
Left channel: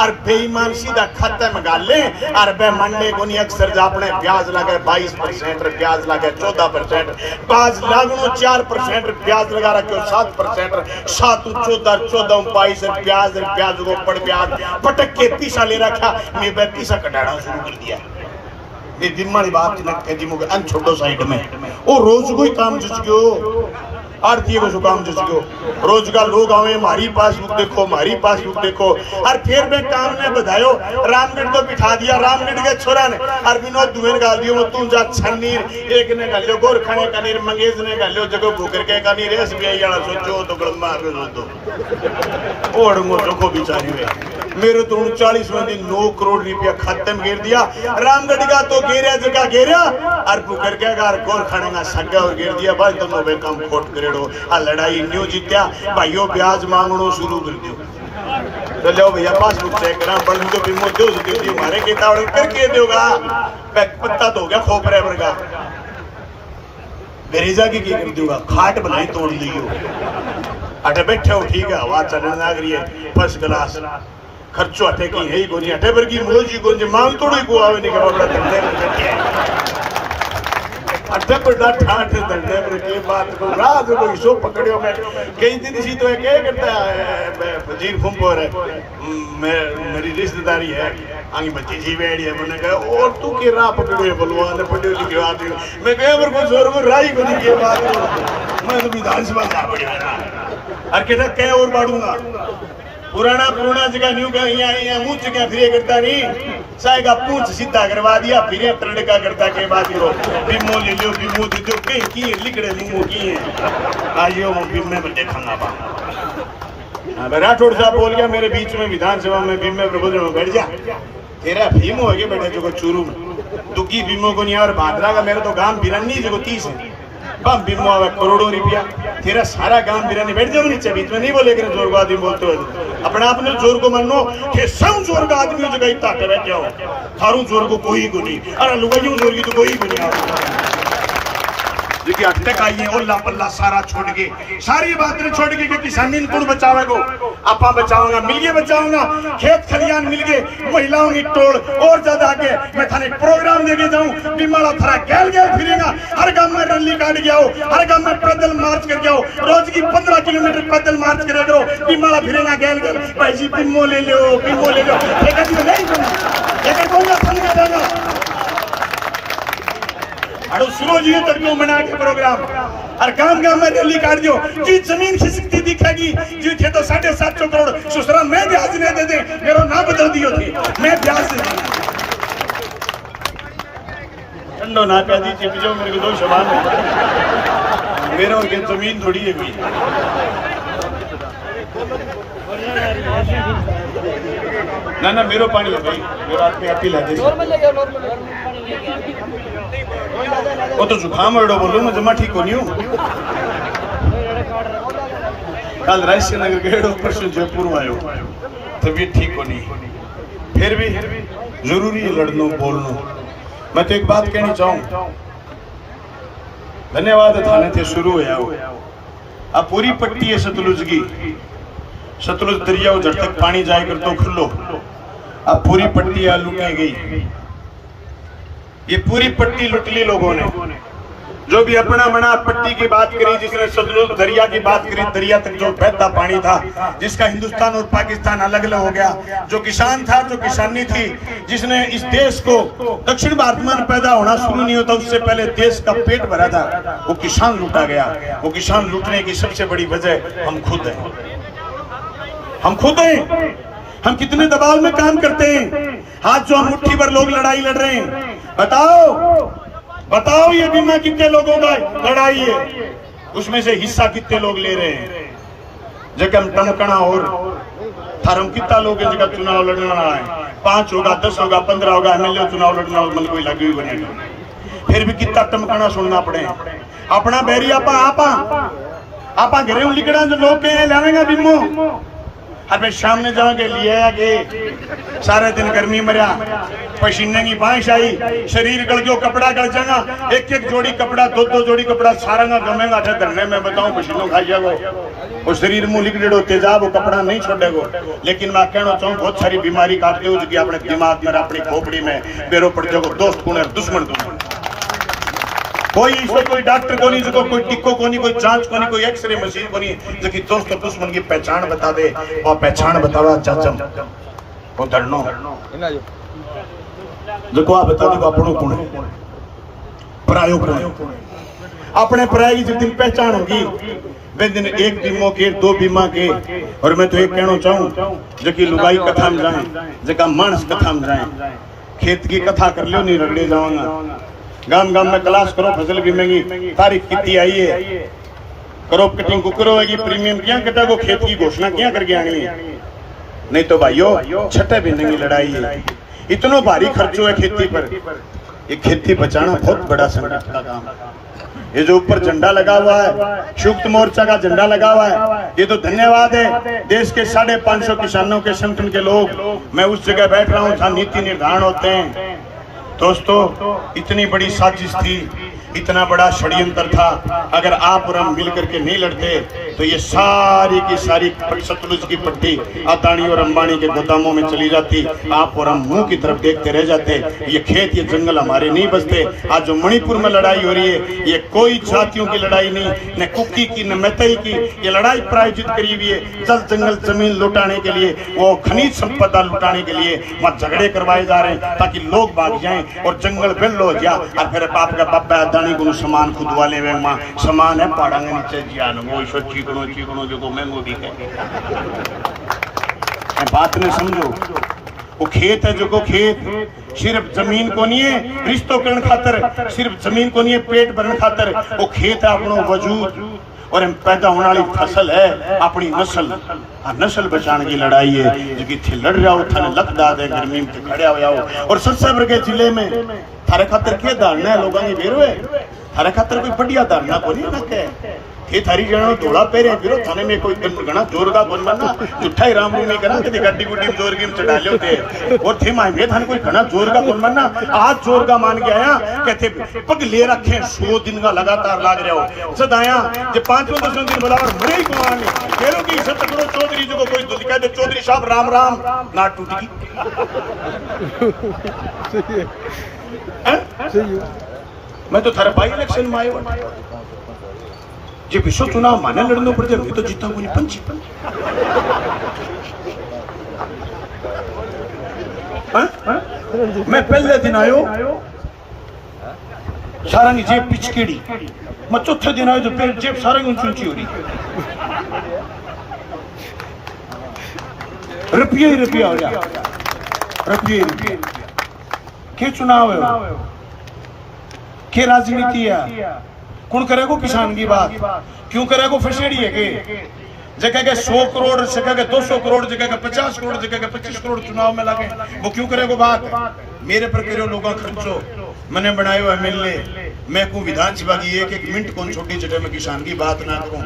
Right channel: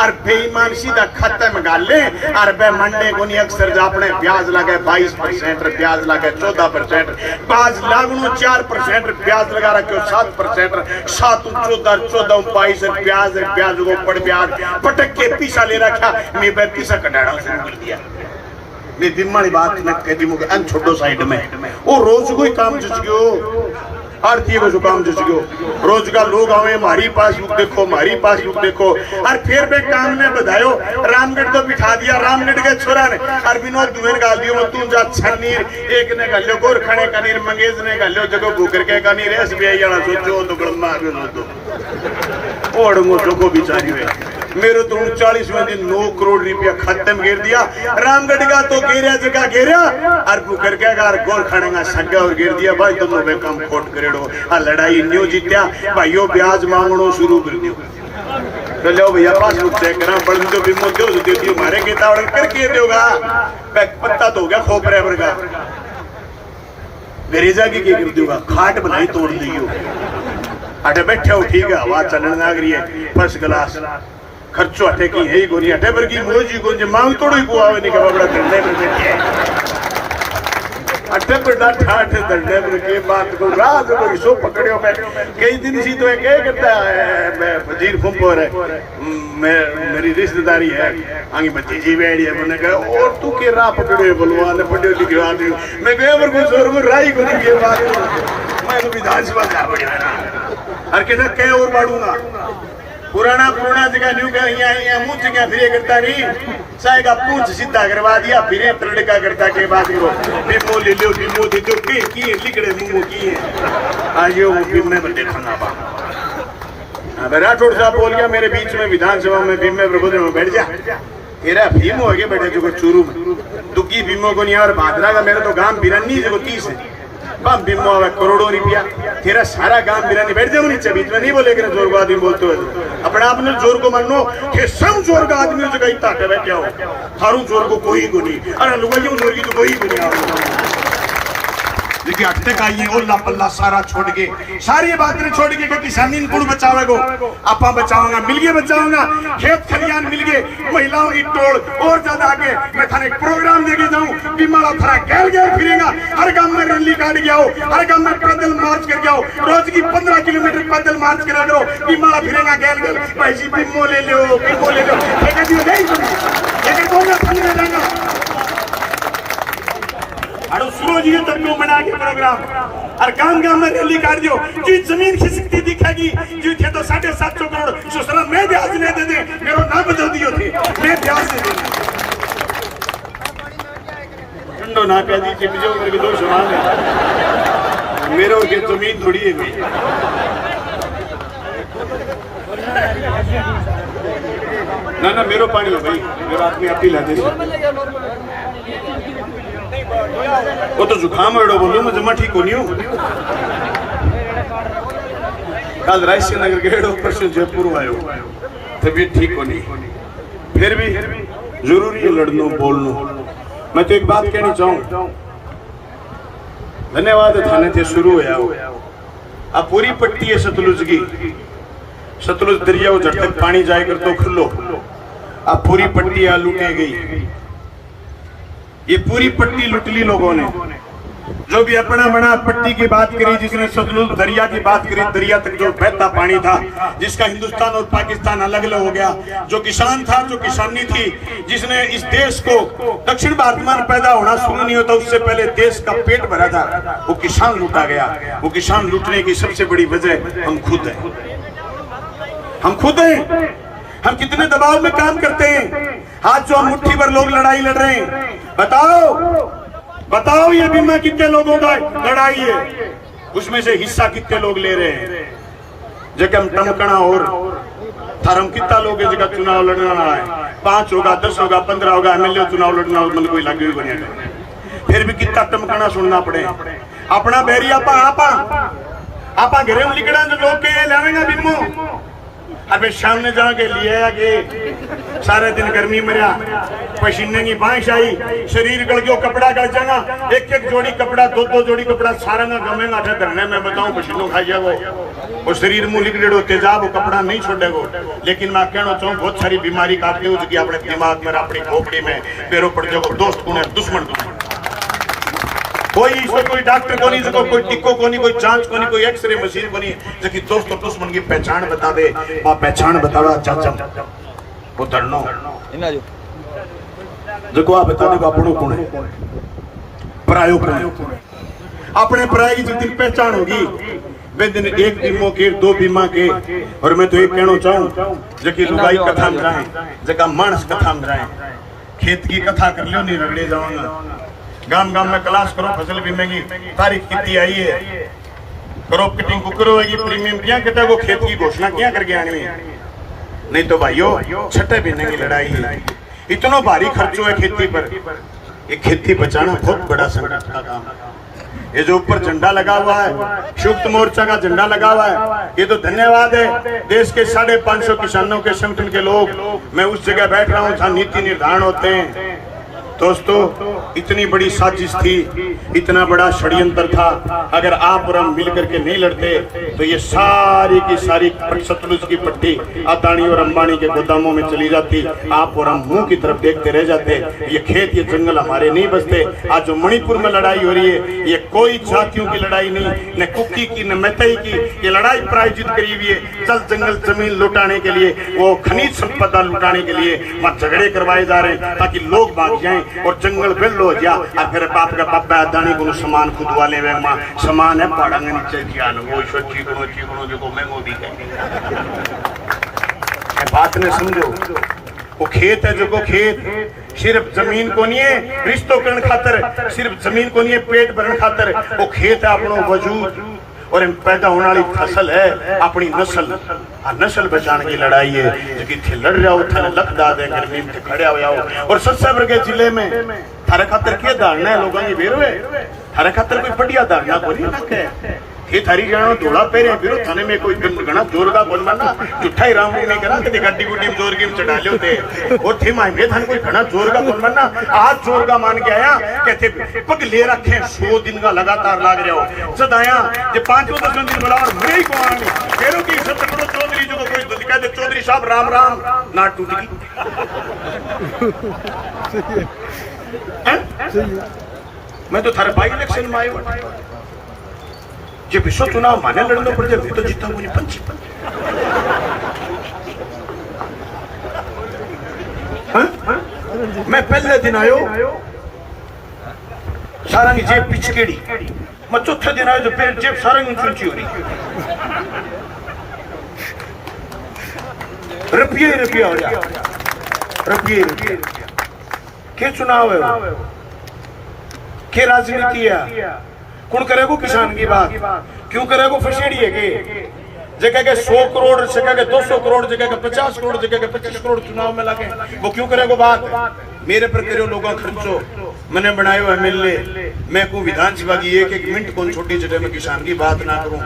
और बेईमान सीधा खाते में डाल ले और बे मंडे को नहीं अक्सर अपने ब्याज लगे 22% ब्याज लगे 14% बाज लागू 4% ब्याज लगा रखे 7% 7 14 22 ब्याज को पड़ ब्याज पटक के पीसा ले रखा मैं पैसा कटाड़ा शुरू कर दिया मैं दिमागी बात न कहती मुझे अन छोटो साइड में वो रोज कोई काम जुट गयो आरती को काम जुट गयो रोज का लोग आवे हमारी पासबुक देखो और फिर मैं काम ने बधायो रामगढ़ तो बिठा दिया रामगढ़ के छोरा ने और विनोद दुबेन गाल दियो तू जा छन्नीर एक ने गालियो गोरखणे का नीर मंगेज ने गालियो जगह भूकर के का नीर एसबीआई वाला सोचो तो गलमा तो ओड़ंगो जो बिचारी वे मेरे तो 40 में 9 करोड़ रुपया खाते में गिर दिया रामगढ़ का तो गिरा जगह गिरा और भूकर के गार गोरखणे का संगा और गिर दिया भाई तुम लोग काम कोट करेड़ो आ लड़ाई न्यू जीत्या भाइयों ब्याज मांगनो शुरू कर दियो पहले भैया पासबुक चेक करा पढ़ दो बीमो दो देखियो मारे के तावड़ करके दोगा पत्ता तो हो गया खोपरे वर्गा गरेजा की कर दूंगा खाट बनाई तोड़ दियो अटे बैठे हो ठीक है आवाज चलन लग रही है फर्स्ट क्लास खर्चो अटे की है ही गोरी अटे वर्गी मोजी को जे मांग तोड़ी को आवे नहीं के बड़ा करते अटे पर डाठा अटे दर्दे पर के बात को राज को रिसो पकड़ियो मैं कई दिन सी तो क्या करता है मैं वजीर फुंपोर है मैं मेरी रिश्तेदारी है आगे भतीजी बैठी है मैंने कहा और तू के राह पकड़ियो बलवान पड़ियो लिखे आदमी मैं गया और कुछ और को राई को नहीं के बात मैं तो विधानसभा जा पड़ी ना और कहना क्या और बाड़ूंगा पुराना जगह न्यू का यहाँ मुंह जगह फिरे करता नहीं साहेब आप पूछ सीधा करवा दिया फिरे तड़का करता के बात को बीमो ले लो बीमो दे दो की लिखड़े बीमो की है आज ये बीमे में देखना राठौड़ साहब बोल गया मेरे बीच में विधानसभा में बीमे प्रबंध में बैठ जा तेरा भीमो है बेटे जो चूरू दुखी भीमो को नहीं यार भादरा का मेरे तो गांव बिरानी जो 30 है बीमो में करोड़ों रुपया तेरा सारा काम बिरानी बैठ जाओ नीचे बीच में नहीं बोले जोर को आदमी बोलते हो अपने आप ने जोर को मानो कि सब जोर का आदमी जगह इतना बैठे हो थारू जोर को कोई को नहीं अरे लुगाइयों जोर की तो कोई को नहीं देखिए अटते का ये ओला पल्ला सारा छोड़ के सारी बातें छोड़ के कि किसानी कुड़ बचाओगे आपा बचाऊंगा मिलके बचाऊंगा खेत खलियान मिलके महिलाओं की टोल और ज्यादा आगे मैं थाने प्रोग्राम देके जाऊं बीमारा थरा गैल फिरेगा हर गांव में रैली काट के आओ हर गांव में पैदल मार्च करके आओ रोज की 15 किलोमीटर पैदल मार्च करा करो बीमारा फिरेगा गैल भाई जी बीमो ले लो नहीं अड़ो सुनो जी तक को मना के प्रोग्राम और काम में रैली काट दो जी जमीन खिसकती दिखेगी जी थे तो 750 करोड़ सुसरा मैं ब्याज नहीं दे दे मेरा नाम बदल दियो थे मैं ब्याज दे दे ठंडो ना कह दी चिप जो मेरे दो सुना मेरे और के जमीन थोड़ी है कोई ना मेरो पानी हो गई मेरा आदमी अट्टी ले दे वो तो जुकाम एड़ो बोलो मैं जमा ठीक होनी हूँ कल रायसी नगर गेड़ो परसों जयपुर आयो तबीयत ठीक होनी फिर भी जरूरी है लड़नो बोलनो मैं तो एक बात कहनी चाहूँ धन्यवाद थाने थे शुरू हो अब पूरी पट्टी है सतलुज की सतलुज दरिया जब तक पानी जाए कर तो खुलो अब पूरी पट्टी लूटे गई ये पूरी पट्टी लुट ली लोगों ने जो भी अपना मना पट्टी की बात करी जिसने सतलुज दरिया की बात करी दरिया तक जो बहता पानी था जिसका हिंदुस्तान और पाकिस्तान अलग अलग हो गया जो किसान था जो किसानी थी जिसने इस देश को दक्षिण भारत में पैदा होना शुरू नहीं होता उससे पहले देश का पेट भरा था वो किसान लूटा गया वो किसान लूटने की सबसे बड़ी वजह हम खुद हैं हम कितने दबाव में काम करते हैं हाथ जो मुट्ठी भर लोग लड़ाई लड़ रहे हैं बताओ ये बीमा कितने लोगों का लड़ाई है उसमें से हिस्सा कितने लोग ले रहे हैं जगम टमकना और थारम कितना लोग हैं जगह चुनाव लड़ना है, 5 होगा 10 होगा 15 होगा एमएलए चुनाव लड़ना हो मन कोई लगे भी बनेगा, फिर भी कितना टमकाना सुनना पड़े। अपना बैरी आपा घरे लिखना जो लोग के लावेगा बिमो अबे सामने जाके लिए कि सारे दिन गर्मी मरिया, पसीने की बारिश आई, शरीर गल गयो, कपड़ा गल जाएगा, एक जोड़ी कपड़ा 2 जोड़ी कपड़ा सारा ना गमेगा धरने में बताऊं पसीनो खाइए वो शरीर मुंह लिख डेड़ो तेजाब वो कपड़ा नहीं छोड़ेगो। लेकिन मैं कहना चाहूँ बहुत सारी बीमारी काटते हो जो अपने दिमाग में अपनी खोपड़ी में बेरो पड़ जाओ, दोस्त कौन है दुश्मन कोई इसको कोई डॉक्टर को नहीं, इसको कोई टिक्को को नहीं, कोई जांच को नहीं, कोई एक्सरे मशीन को नहीं, जबकि दोस्त दुश्मन की पहचान बता दे, वहां पहचान बतावा चाचा वो धरनो देखो आप बता दे अपनों कौन है परायो कौन है। अपने पराई की जिस दिन पहचान होगी वे दिन एक बीमो के 2 बीमा के। और मैं तो एक कहना चाहूँ जबकि लुगाई कथा में जाए जगह मानस कथा में जाए, खेत की कथा कर लो नहीं रगड़ी जाऊंगा, गांव में क्लास करो, फसल बीमेगी तारीफ कितनी आई है, क्रॉप कटिंग को करोगी, प्रीमियम क्या कहता है वो खेत की घोषणा क्या करके आनी है। नहीं तो भाइयों छठे महीने की लड़ाई है, इतना भारी खर्चो है खेती पर। ये खेती बचाना बहुत बड़ा संकट का काम है। ये जो ऊपर झंडा लगा हुआ है संयुक्त मोर्चा का झंडा लगा हुआ है, ये तो धन्यवाद है देश के 550 किसानों के संगठन के लोग। मैं उस जगह बैठ रहा हूँ जहाँ नीति निर्धारण होते हैं। दोस्तों इतनी बड़ी साजिश थी, इतना बड़ा षड्यंत्र था, अगर आप और हम मिलकर के नहीं लड़ते तो ये सारी की सारी सतलुज की पट्टी अदानी और अंबानी के गोदामों में चली जाती, आप और हम मुंह की तरफ देखते रह जाते, ये खेत ये जंगल हमारे नहीं बचते। आज जो मणिपुर में लड़ाई हो रही है ये कोई जातियों की लड़ाई नहीं, न कुकी की न मैतई की, ये लड़ाई प्रायोजित करी हुई है जल जंगल जमीन लुटाने के लिए, वो खनिज संपदा लुटाने के लिए वहाँ झगड़े करवाए जा रहे हैं ताकि लोग भाग जाएं और जंगल बिल हो जा। और फिर बाप का बाबा अदानी को सामान खुद वाले वे मां सामान है पहाड़ांगा नीचे जियान वो ईश्वर चीकणो जो महंगो दी है। बात ने समझो वो खेत है जो को खेत सिर्फ जमीन को नहीं है रिश्तों करण खातर, सिर्फ जमीन को नहीं है पेट भरने खातर, वो खेत है अपनो वजूद और हम पैदा होने वाली फसल है अपनी नस्ल। नस्ल बचाने की लड़ाई है जो कि थे लड़ रहा हो थारे लख दाद है गर्मी में खड़े हो जाओ। और सबसे बड़े जिले में थारे खातर क्या धारणा है लोगों की बेरो है, थारे खातर कोई बढ़िया धारणा को नहीं रखे थे थारी जानो जोड़ा पेरे फिर थाने में कोई घना जोर का बोल बनना मिठाई राम नहीं करा कभी गड्डी गुड्डी जोर की चढ़ा लो थे और थे माई में थाने कोई घना जोर का बोल बनना आज जोर का मान के आया कहते पग ले रखे 100 दिन का लगातार लाग रहे हो सद आया जे 5-10 दिन बड़ा और मरे ही को आने फेरों की इज्जत पकड़ो चौधरी जो कोई तो कहते चौधरी साहब राम राम ना टूट गई। मैं तो थारा बाई इलेक्शन में आयो जे विश्व चुनाव माने लड़नो पड़ जाए तो जीता को नहीं पंची मैं पहले दिन आयो सारा की जेब पिचकेड़ी, मैं चौथे दिन आयो तो पेट जेब सारा ऊंची ऊंची हो रही, रुपया ही रुपया हो गया, रुपये के चुनाव है के राजनीति है, कौन करेगा किसान की बात, क्यों करेगा फसीड़ी है के जगह के 100 करोड़ जगह के 200 करोड़ जगह के 50 करोड़ जगह के 25 करोड़ चुनाव में लगे, वो क्यों करेगा बात। मेरे पर करो लोग खर्चो मैंने बनाया एमएलए, मैं को विधानसभा की एक मिनट कौन छोटी जगह में किसान की बात ना करूं,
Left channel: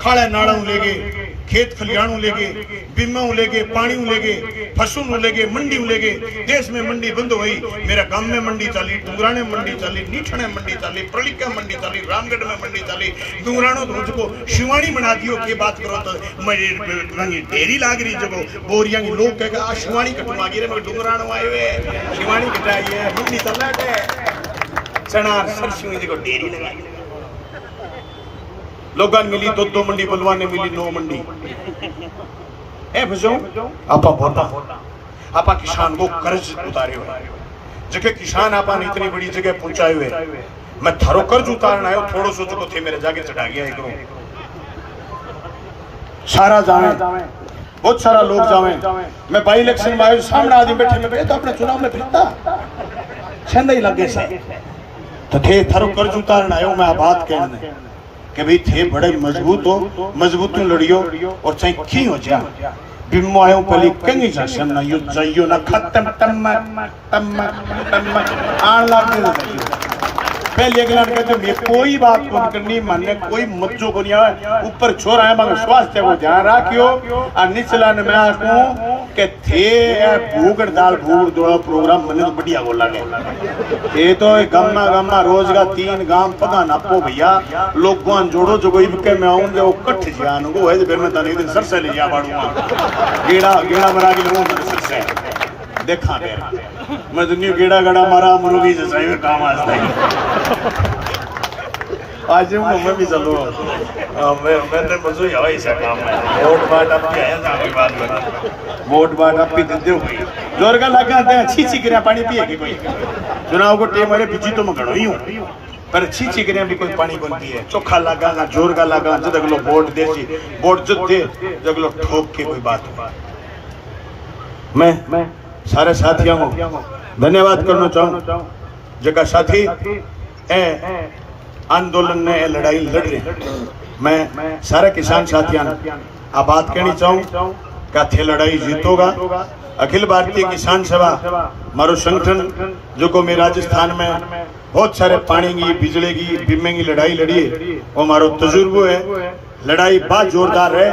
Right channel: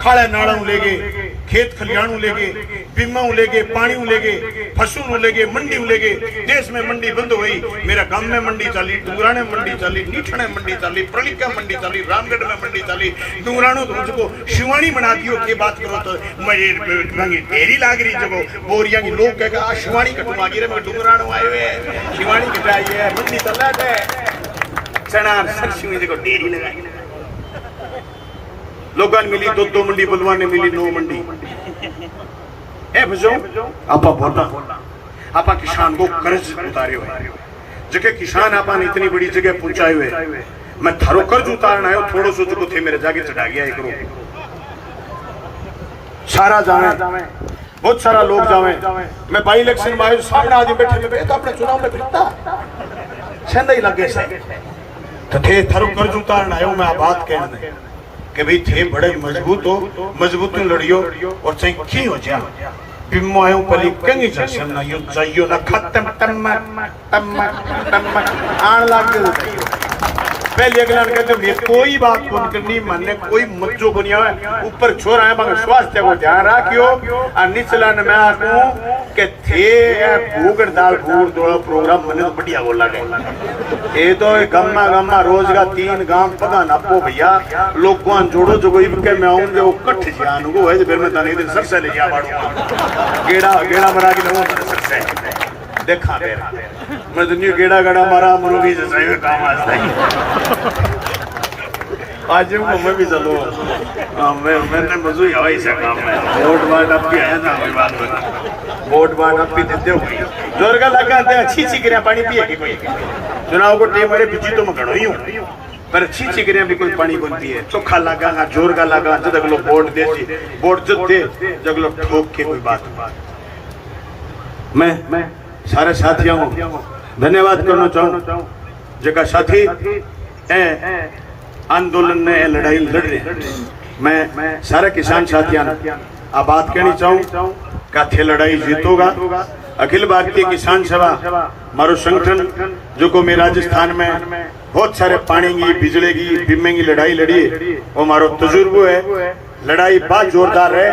खाड़ा नाड़ा लेगे खेत खलियाणू लेगे बीमा लेगे पानी लेगे फसलों लेगे मंडी लेगे, देश में मंडी बंद हो गई, मेरा गांव में मंडी चली, डूंगराने मंडी चली, नीठने मंडी चली, प्रलिका मंडी चली, रामगढ़ में मंडी चली, डूंगरानो तो मुझको शिवानी बना दियो के बात करो तो मेरी देरी लाग रही जब बोरिया की लोग कहेगा शिवानी कटवा गिरे मैं डूंगरानो आए हुए शिवानी कटाई है मंडी चला है चनार सरसों देखो देरी लगाई लोगों ने मिली 2 मंडी बुलवान ने मिली 9 मंडी ए भजो आपा बोलना आपा किसान को कर्ज उतारे हुए जगह किसान आपा ने इतनी बड़ी जगह पहुंचाए हुए, मैं थारो कर्ज उतारना है थोड़ो सो जो थे मेरे जाके चढ़ा गया एक सारा जाए बहुत सारा लोग जावे, मैं बाई इलेक्शन में आयो सामने आदमी बैठे में तो अपने चुनाव में फिरता छंदा ही लगे से तो थे थारो कर्ज उतारना आयो, मैं बात कहने कि भाई थे बड़े मजबूत हो मजबूत लड़ियो और चाहे की हो जा बिम्मो आयो पली कंगी जशम ना यु जाइयो ना खत्म तम आन लग पहले अगला कहते मैं कोई बात कौन करनी मानने कोई मुझो को नहीं आवे ऊपर छोर आए मगर स्वास्थ्य को ध्यान रखियो और निचला न मैं आकूं के थे भूगड़ दाल भूगड़ दोड़ा प्रोग्राम बने तो बढ़िया बोल लगे ये तो गामा गामा रोज का 3 गांव पगा ना पो भैया लोग को जोड़ो जो कोई के मैं आऊंगे वो कट जान को है फिर मैं तारे दिन सर से ले जा बाड़ूंगा गेड़ा गेड़ा बना के लोगों सर से देखा फिर मैं तो न्यू गेड़ा गड़ा मारा मरोगी जैसा ही काम आज मैं भी चलो मैंने मजो ही ऐसा काम है वोट बाट आप भी आया था बात करना वोट बाट आप भी देते हो जोर का लगा आते हैं छी करे पानी पिए कि कोई चुनाव को टेम मेरे पीछे तो मैं खड़ो ही हूं पर छी करे भी कोई पानी बनती है चोखा लगा ना जोर का लगा जब तक लोग वोट दे सी वोट जब दे जब लोग ठोक के कोई बात मैं सारे साथियों को धन्यवाद करना चाहूं जगह साथी आंदोलन ने लड़ाई लड़ रहे मैं सारे किसान साथियों आ बात कहनी चाहूं का थे लड़ाई जीतोगा अखिल भारतीय किसान सभा मारो संगठन जो को मैं राजस्थान में बहुत सारे पानी की बिजली की बीमे की लड़ाई लड़ी है वो मारो तजुर्बो है लड़ाई बहुत जोरदार है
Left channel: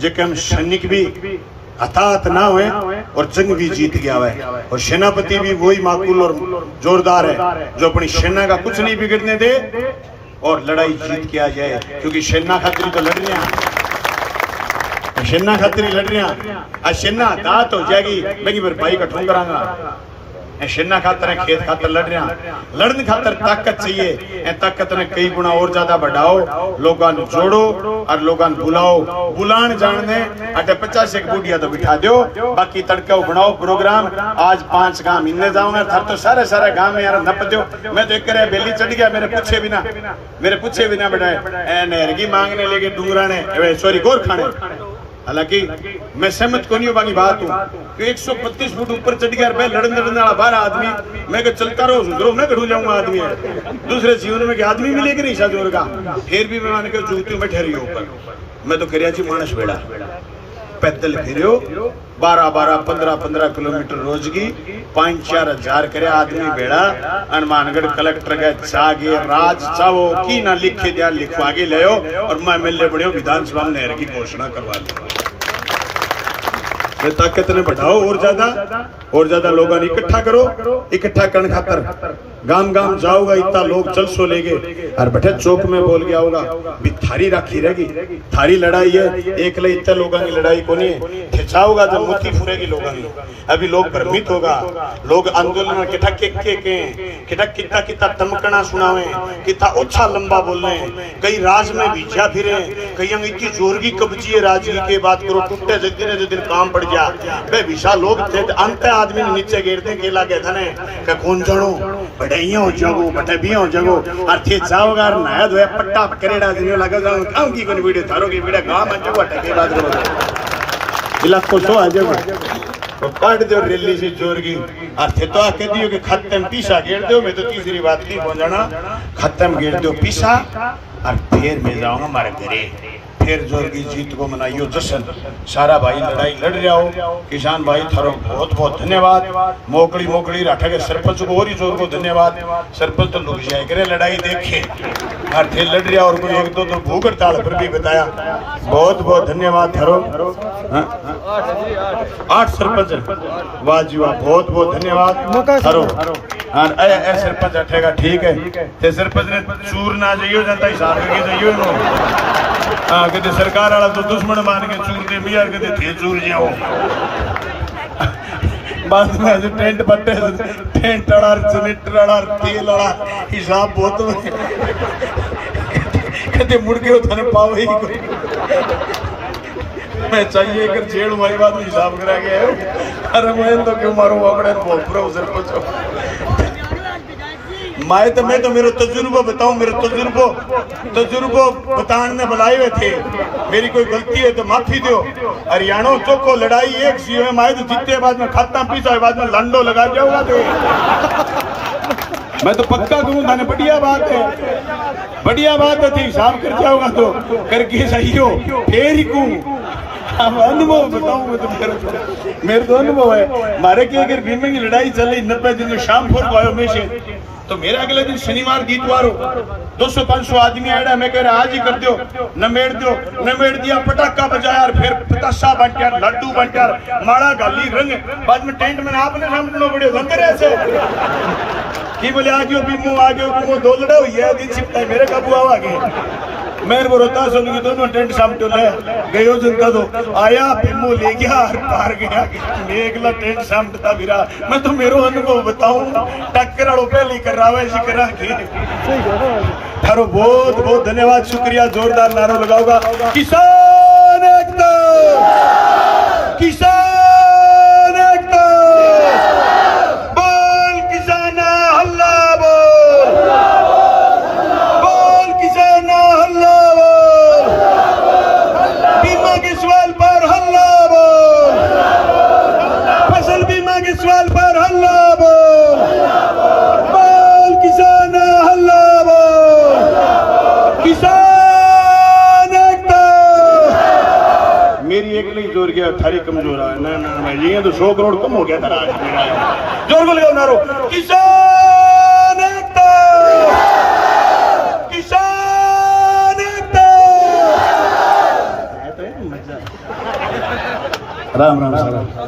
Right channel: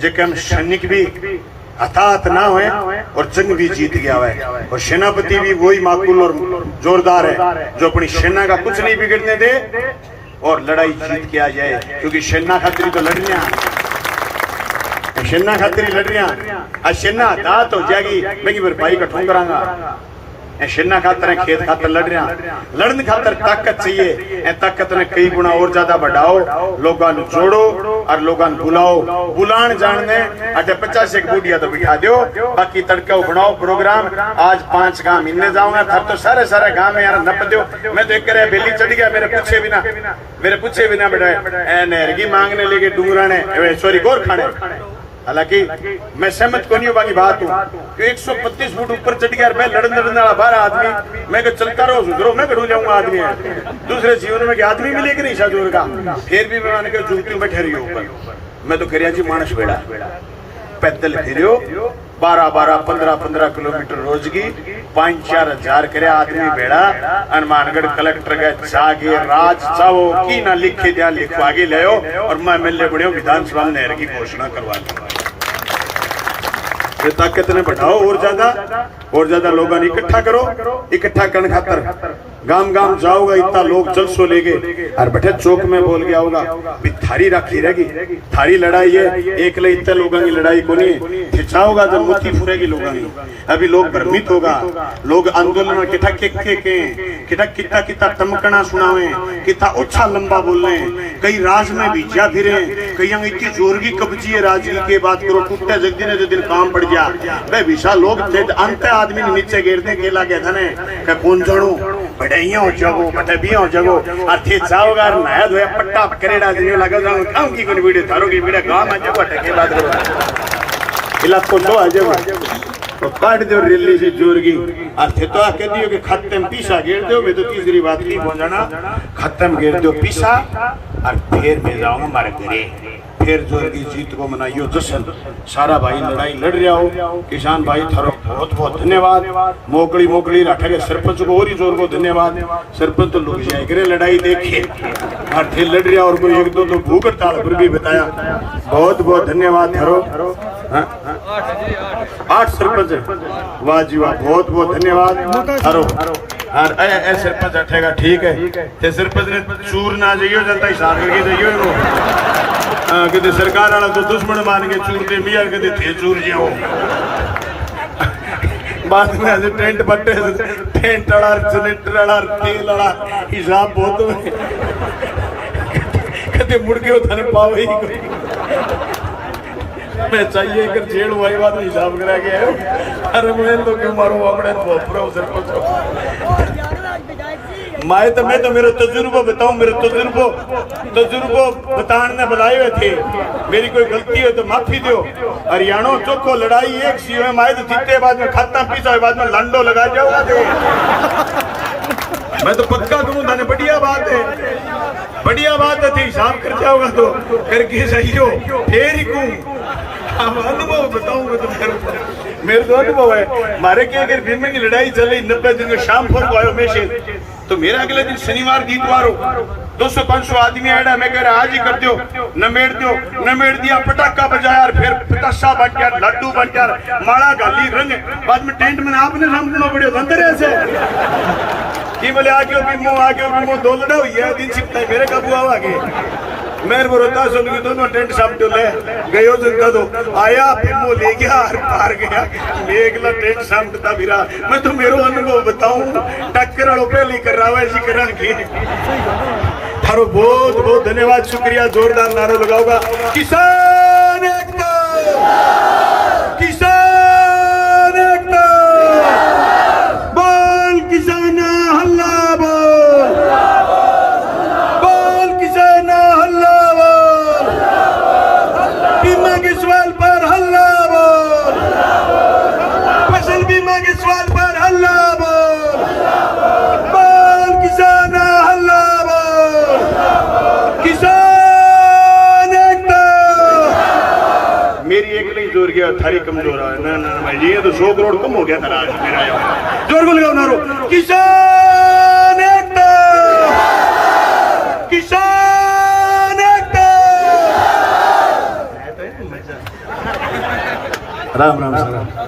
जेके हम सैनिक भी हताहत ना हुए और जंग भी जीत गया है और सेनापति भी वही माकूल और जोरदार है जो अपनी सेना का कुछ नहीं बिगड़ने दे और लड़ाई जीत के आ जाए क्योंकि सेना खातिर तो लड़ रहे सेना खातिर लड़ रहे सेना दात हो जाएगी लेकिन फिर भाई का ठोकरांगा सेना खातर खेत खातर लड़ रहा लड़ने खातर ताकत चाहिए ताकत ने कई गुना और ज्यादा बढ़ाओ लोगों को जोड़ो और लोगों को बुलाओ बुलान जानने अटे 50 एक बूढ़िया तो बिठा दो बाकी तड़का बनाओ प्रोग्राम आज 5 गांव इन्ने जाऊंगा था तो सारे गांव में यार नप दो मैं तो एक करे बेली चढ़ गया मेरे पूछे बिना बेटा नहर की मांगने लेके डूंगरा ने सॉरी गोर खाने हालांकि मैं सहमत को नहीं बाकी बात हूँ 125 फुट ऊपर चढ़ गया मैं लड़ने वाला 12 आदमी मैं चलता रहो सुधरो मैं कढ़ू जाऊंगा आदमी दूसरे जीवन में आदमी मिलेगी नहीं शादी का फिर भी मैं मान के चूकती हूँ मैं ठहरी ऊपर मैं तो करिया जी मानस बेड़ा पैदल फिर 12-15 किलोमीटर रोज की 5-4 हजार करे आदमी बेड़ा हनुमानगढ़ कलेक्टर के जागे राज चाहो की ना लिखे जा लिखवा के ले और मैं मिलने बड़े विधानसभा में नहर की घोषणा करवा दी ताकत ने बढ़ाओ और ज्यादा लोगों ने इकट्ठा करो इकट्ठा करने खातर गांव गांव जाओगा इतना लोग जलसो लेगे और बैठे चौक में बोल गया होगा भी थारी राखी रहेगी थारी लड़ाई है एक ले इतने लोगों की लड़ाई को नहीं खिंचाओगा जब मुट्ठी फुरेगी लोगों की अभी लोग भ्रमित होगा लोग आंदोलन में किटा किता किता तमकना सुनावे किता अच्छा लंबा बोलने कई राज में भीजा फिरे कई इतनी जोर की कब्जी है राजनीति के बात करो टूटे जल्दी दिन काम पड़ गया भाई विशाल लोग थे अंत आदमी नीचे गिरते केला के धने के कौन जणो बढ़ाइया हो जाओ बटे भी हो जाओ और थे जाओगा नया धोया पट्टा करेड़ा देने लगा जाऊं खाऊं की कोई वीडियो थारो की वीडियो गांव में जाओ टके बात करो इलाको तो आ जाओ तो काट दो रैली से जोर की और थे तो कह दियो कि खत्म पीसा घेर दो मैं तो तीसरी बात नहीं पहुंचाना खत्म घेर दो पीसा और फिर मैं जाऊंगा मारे घरे फिर जोर की जीत को मनाइयो जश्न सारा भाई लड़ाई लड़ रहा हो किसान भाई थारो बहुत बहुत धन्यवाद मोकली राठा के सरपंच को और ही जोर को धन्यवाद सरपंच तो लुक जाए करे लड़ाई देखे और फिर लड़ रहा और कोई एक दो तो भूख हड़ताल पर भी बताया बहुत बहुत धन्यवाद थारो 8 सरपंच वाह जी वाह बहुत बहुत धन्यवाद थारो और ए सरपंच अठेगा ठीक है ते सरपंच ने चूर ना जाइयो जनता हिसाब के जाइयो इनको हां कदे सरकार वाला तो दुश्मन मान के चूर दे लिया कदे थे चूर जाओ बाद में आज टेंट बट्टे टेंट वाला जनरेटर वाला तेल वाला हिसाब बहुत कदे मुड़ के थाने पाओ ही कोई मैं चाहिए कर जेल वाई बात हिसाब करा के आयो अरे मैं तो क्यों मारो अपने भोपरो सरपंच मैं तो मेरा तजुर्बा बताऊं मेरा तजुर्बो बताने बुलाए हुए थे मेरी कोई गलती हो तो माफी दो हरियाणा चौको लड़ाई एक सी में आए तो जीते बाद में खाता पीता बाद में लंडो लगा जाऊंगा तो मैं तो पक्का करूं थाने बढ़िया बात है हिसाब कर जाऊंगा तो करके सही हो फिर ही अब अनुभव बताऊं मैं तुम्हें, मेरे को अनुभव है। हमारे के अगर दिन में की लड़ाई चल रही 90 दिन में शाम को आयो में से, तो मेरा अगले दिन शनिवार इतवार हो 200-500 आदमी आया, मैं कह रहा आज ही कर दो, नमेड़ दिया, पटाखा बजाया, फिर पताशा बंटिया, लड्डू बंटिया, माला गाली रंग, बाद में टेंट में आपने समझना पड़े अंदर ऐसे कि बोले आगे भी दो लड़ा हुई है दिन सीखता है मेरे काबू आवागे मेरे बरोदा सुन के दोनों टेंट सामने ले गयो जनता तो आया पिमो ले गया पार गया मेघला टेंट सामने था मेरा। मैं तो मेरो अनुभव बताऊं, टक्कर वालों पहली कर रहा है ऐसी करा की थारो बहुत बहुत धन्यवाद, शुक्रिया, जोरदार नारो लगाओगा। किसान एकता, किसान एकता, बोल किसान हल्ला बोल, बोल किसान हल्ला बोल, बीमा के सवाल पर हल्ला बोल, फसल बीमा के सवाल पर हल्ला बोल, बोल किसान हल्ला बोल, किसान एकता। मेरी एक नहीं जोर गया, थारी कमजोर है ना ना मैं ये तो 100 करोड़ कम हो गया था आज मेरा, जोर को लियो नारो किसान एकता, किसान एकता। राम राम सर।